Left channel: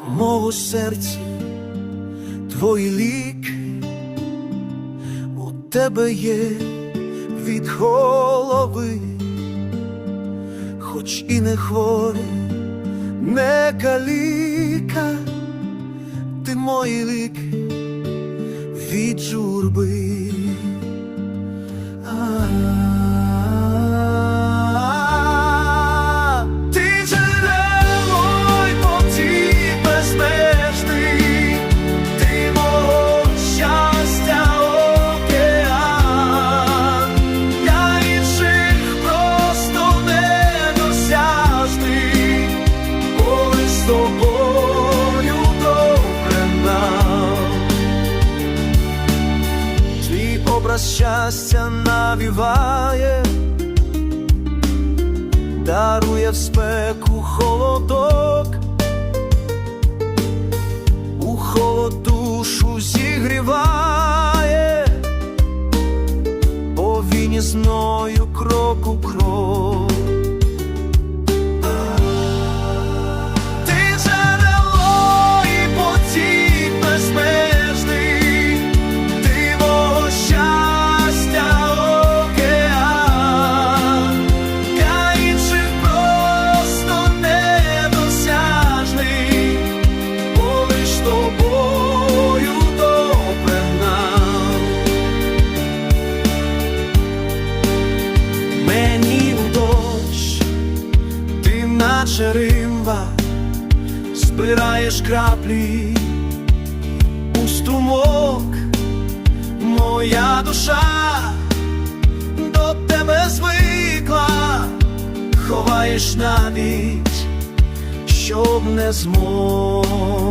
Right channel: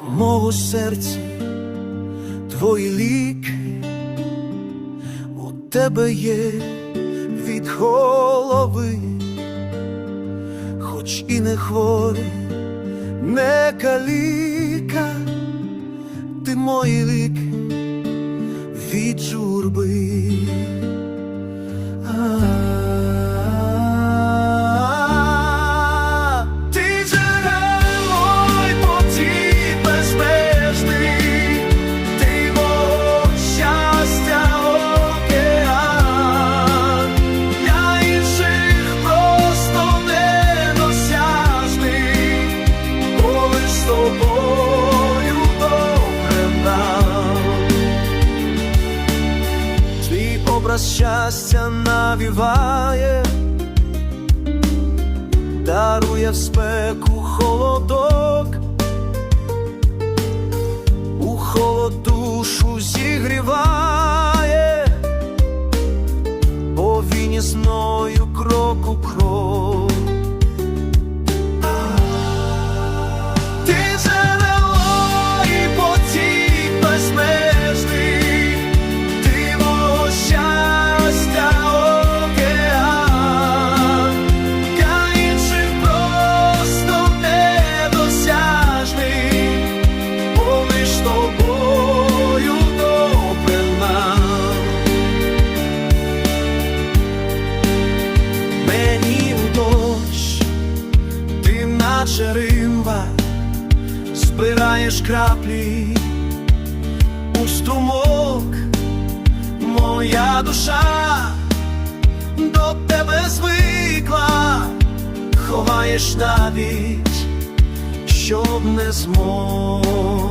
мого серці, твої ліки, у тебе є від голови, хоч і не хворий, не каліка, ти мої ліки від журби. А, Образ щастя навіває, дарує в спеку холодок, у холод душу зігріває, бо він із крок у крок. Дощ, ти наче римба, збираєш краплі у струмок, моя душа до тебе звикла, ховаєш навіть, щоб не змог.